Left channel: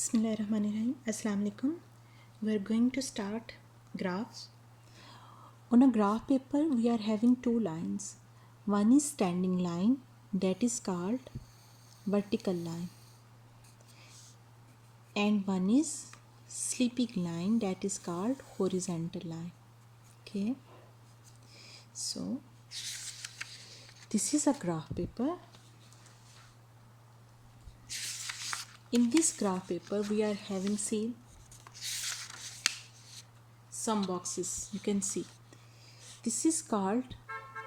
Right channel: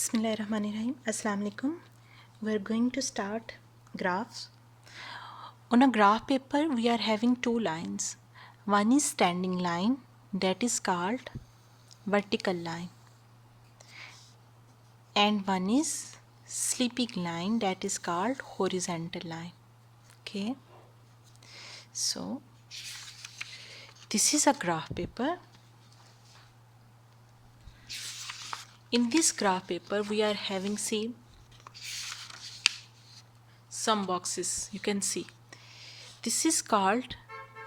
Bismillahirrahmanirrahim. Assalamu alaikum. We are going to start graphs. On a graph paper, we are having two lines. One is standing line, that is called vertical line, and one is sleeping line, that is called horizontal line. Okay. So this is a graph paper. In this graph paper, we are having some boxes. You can see this is called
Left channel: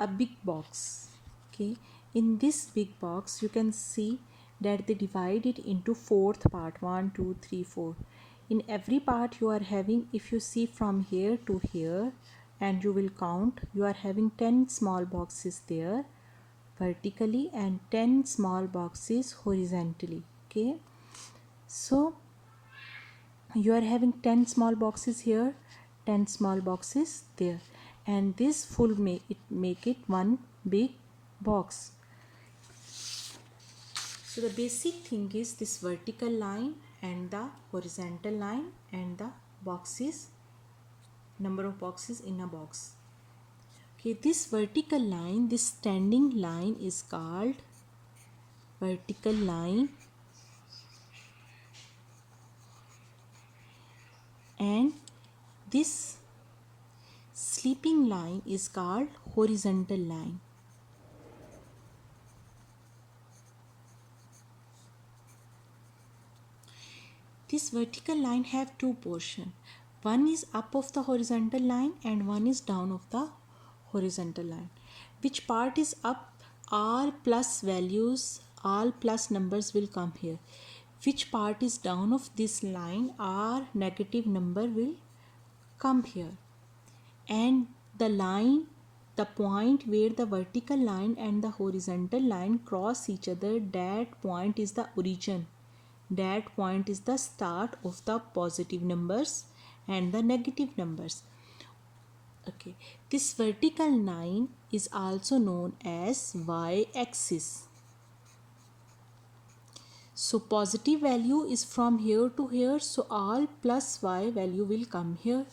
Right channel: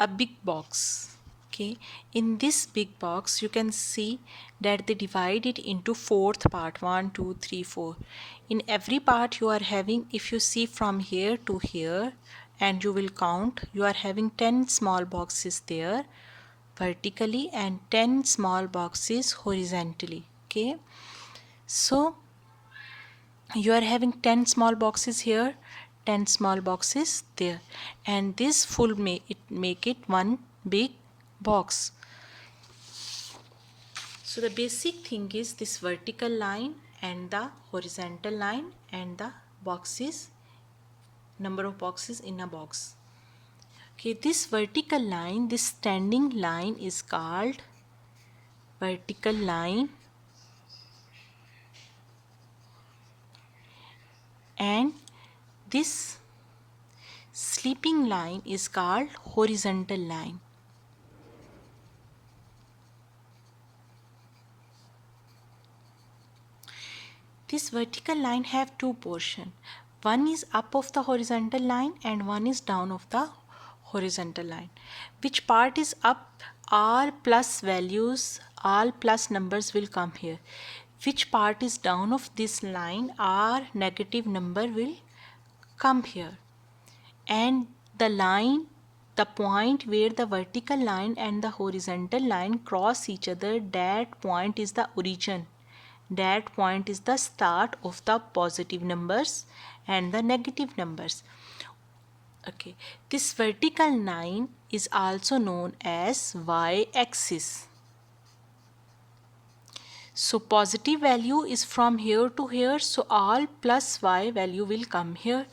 a big box. Okay, in this big box you can see that they divide it into fourth part, 1 2 3 4. In every part you are having, if you see from here to here and you will count, you are having 10 small boxes there vertically and 10 small boxes horizontally. Okay, so you are having 10 small boxes here, 10 small boxes there, and this full make it one big box. So the basic thing is this vertical line and the horizontal line and the boxes, number of boxes in a box. Okay, this vertical line, this standing line is called vertical line, and this sleeping line is called horizontal line. This vertical line have two portions. One is up of the horizontal line and one is down of the horizontal line. Which part is up? All plus values, all plus numbers will come here. Which part is down of this line? All negative number will come here. And the line, the point where the vertical line and the horizontal line cross each other, that point is the origin. That point is the start of the positive numbers and the negative numbers. Okay, this vertical line is also known as y-axis. So positive value is from here to here, so all plus y value will come here,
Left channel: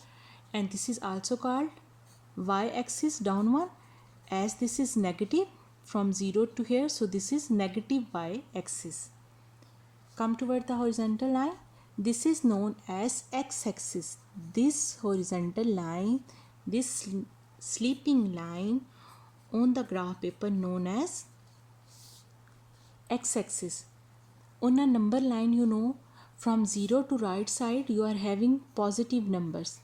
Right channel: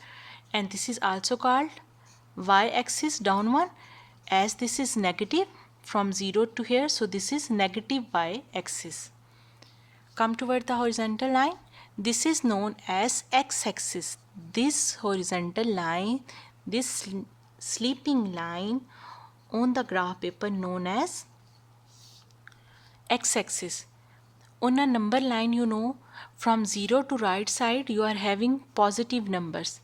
and this is also called y-axis downward, as this is negative from 0 to here, so this is negative y-axis. Come toward the horizontal line, this is known as x-axis. This horizontal line, this sleeping line on the graph paper known as x-axis. On a number line, you know, from 0 to right side you are having positive numbers,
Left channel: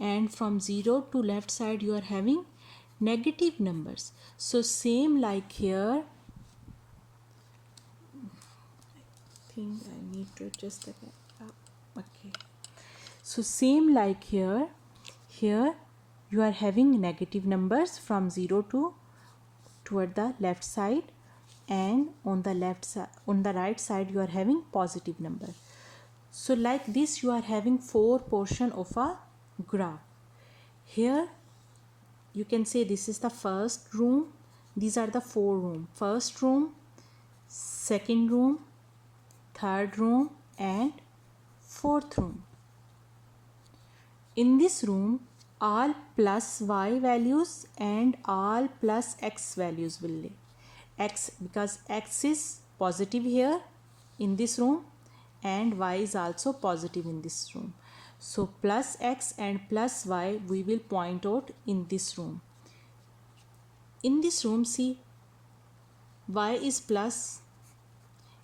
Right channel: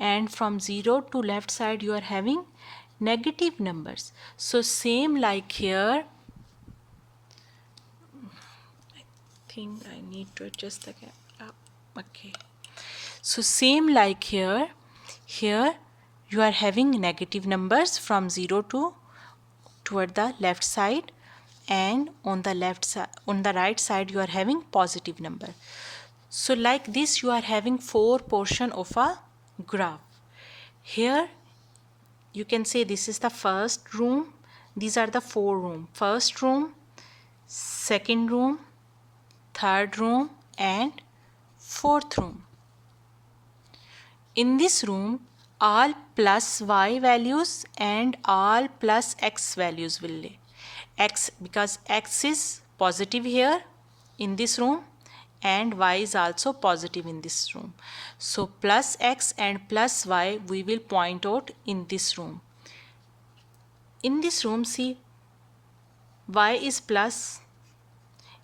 and from 0 to left side you are having negative numbers. So same like here, think I need to adjust the camera. Okay, so same like here you are having negative numbers from 0 to toward the left side, and on the left side, on the right side you are having positive number. So like this you are having four portion of a graph. Here you can say this is the first room, these are the four room: first room, second room, third room and fourth room. In this room all plus y values and all plus x values will lay. X, because x is positive here in this room and y is also positive in this room. So plus x and plus y we will point out in this room. In this room, see, y is plus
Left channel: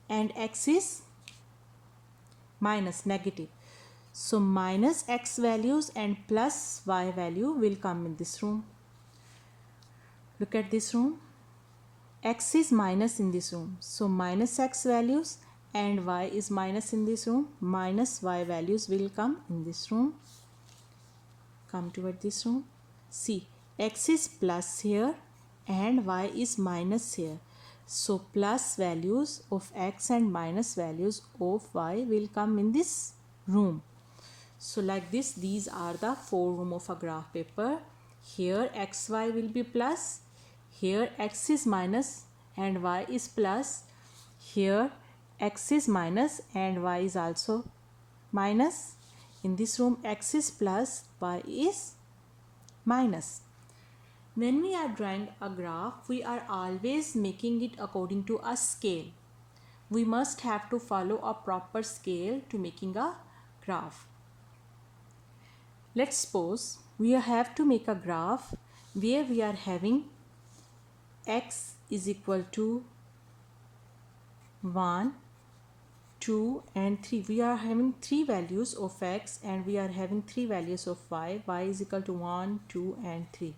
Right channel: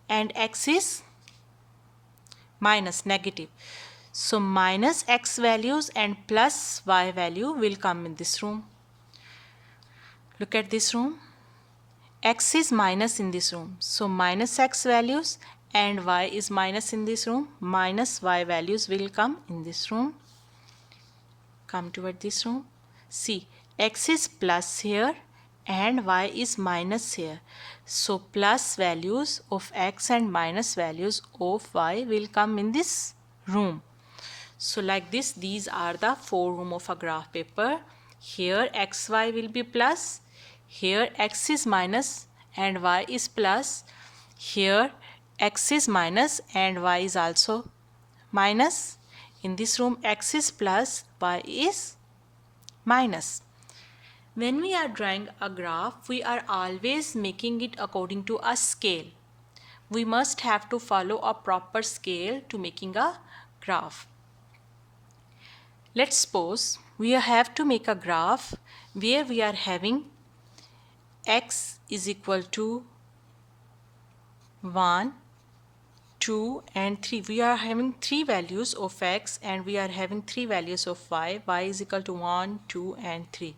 and x is minus, negative. So minus x values and plus y value will come in this room. Look at this room. X is minus in this room. So minus x values and y is minus in this room. Minus y values will come in this room. Come toward this room. See, x is plus here and y is minus here. So plus values of x and minus values of y will come in this room. So like this, these are the four room of a graph paper. Here xy will be plus, here x is minus and y is plus, here x is minus and y is also minus. In this room, x is plus, y is minus. When we are drawing a graph, we are always making it according to a scale. We must have to follow a proper scale to making a graph. Let's suppose we have to make a graph where we are having x is equal to 1, 2 and 3. We are having 3 values of x and we are having 3 values of y. Y is equal to 1, 2 and 3.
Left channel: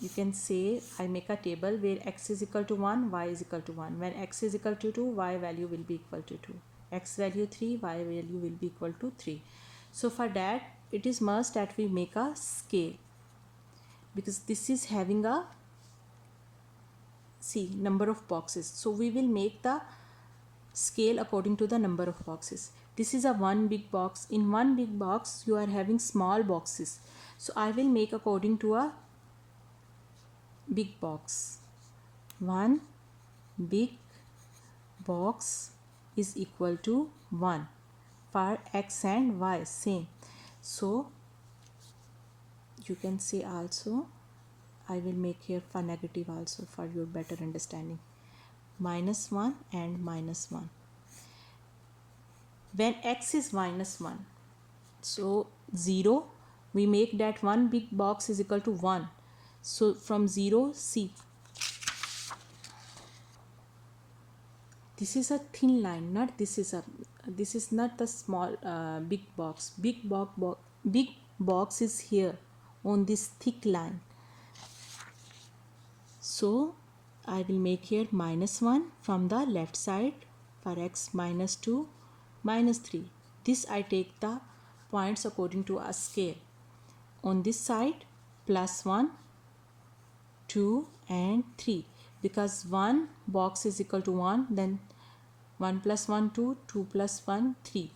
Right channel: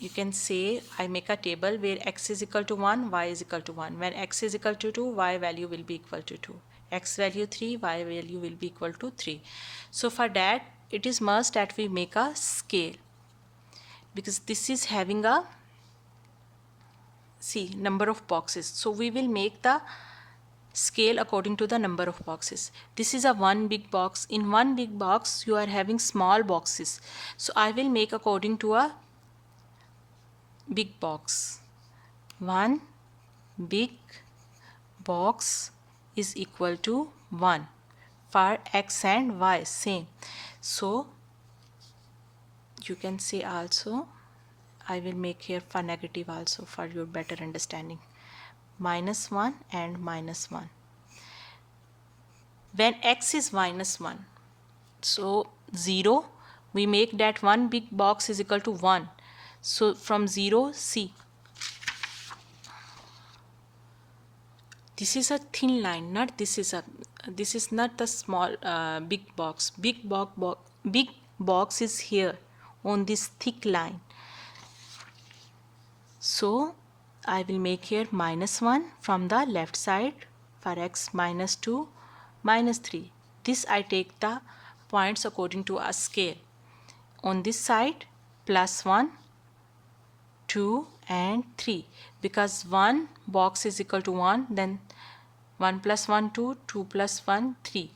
You can say I make a table where x is equal to 1, y is equal to 1. When x is equal to 2, y value will be equal to 2. X value 3, y value will be equal to 3. So for that, it is must that we make a scale, because this is having a number of boxes. So we will make the scale according to the number of boxes. This is a one big box. In one big box, you are having small boxes. So I will make according to a big box. One big box is equal to 1 for x and y same. So you can say also, I will make here for negative also for your better understanding. -1 and -1. When x is -1, so 0, we make that one big box is equal to 1. So from 0, see, this is a thin line, not this is not the small big box. Big box is here on this thick line. So I will make here -1 from the left side for x, -2, -3. This I take the points according to a scale. On this side, +1, 2 and 3, because one box is equal to 1, then 1 plus 1 2, 2 plus 1 3.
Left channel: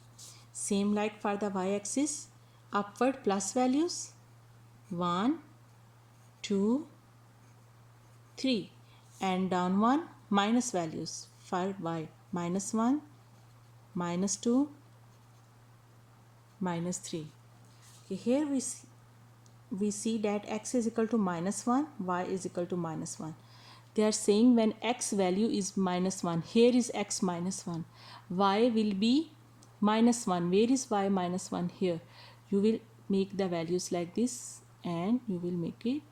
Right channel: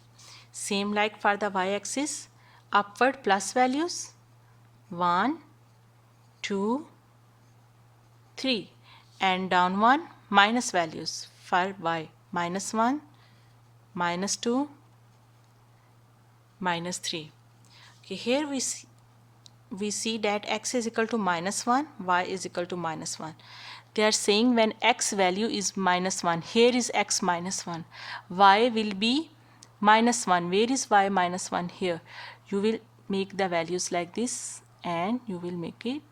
Same like for the y-axis, upward plus values 1, 2, 3 and down one minus values for y, -1, -2, -3. Okay, here we see that x is equal to -1, y is equal to -1. They are saying when x value is -1, here is x -1, y will be -1. Where is y -1? Here. You will make the values like this and you will make it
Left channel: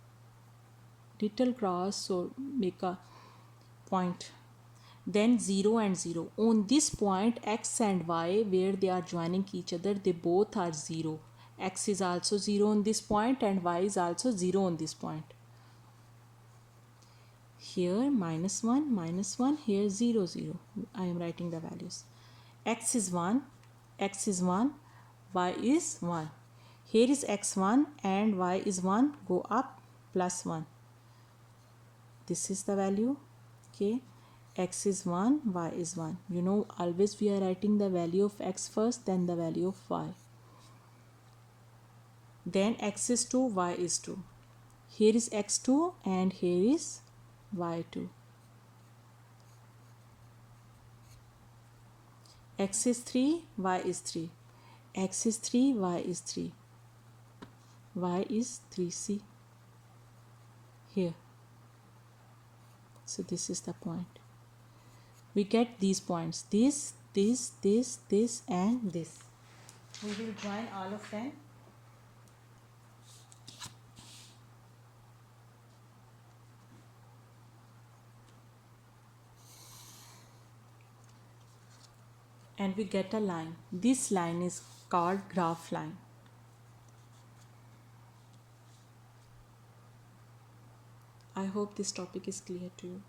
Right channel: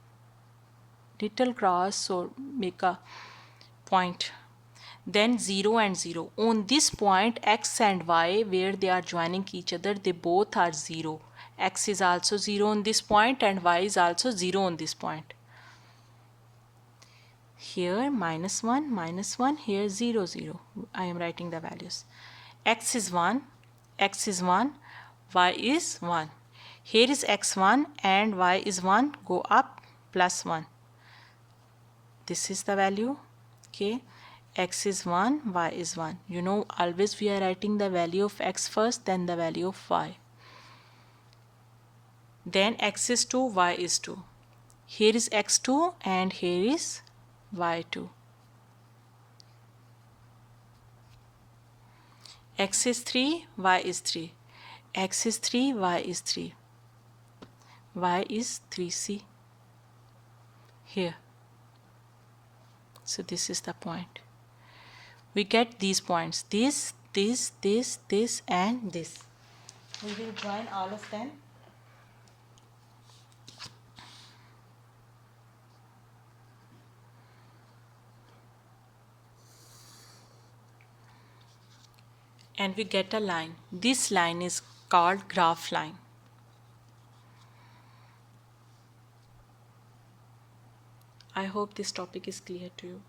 little cross or make a point. Then 0 and 0. On this point, x and y, where they are joining each other, they both are 0. X is also 0 on this point and y is also 0 on this point. Here -1, -1, here 0, 0. I am writing the values. X is 1, x is 1, y is 1. Here is x1 and y is 1, go up +1. This is the value. Okay, x is 1, y is 1. You know, always we are writing the value of x first, then the value of y. Then x is 2, y is 2. Here is x2 and here is y2. X is 3, y is 3. X is 3, y is 3. Y is 3c here. So this is the point. We get these points. This, and this. We will join all of them. And we get a line. This line is called graph line. I hope this topic is clear to you.